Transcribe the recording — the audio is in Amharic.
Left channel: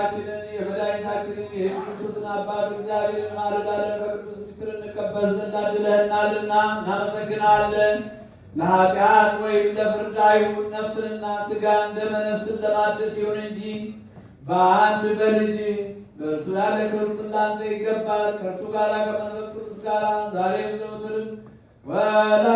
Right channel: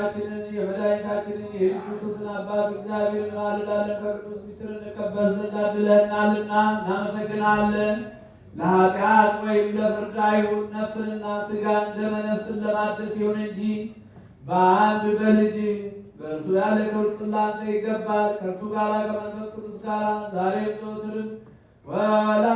የጌታችንን የመድኃኒታችንን የኢየሱስ ክርስቶስን አባት እግዚአብሔርን ማልዳለን ከቅዱስ ምስጢር እንቀበል ዘንድ አድለህናልና እናመሰግናለን። ለኃጢአት ወይም ለፍርድ አይሁን፣ ነፍስንና ሥጋን ደመ ነፍስን ለማደስ ይሁን እንጂ በአንድ በልጅ በእርሱ ያለ ክብር ላንተ ይገባል። ከእርሱ ጋር ከመንፈስ ቅዱስ ጋር ዛሬም ዘወትርም ወላ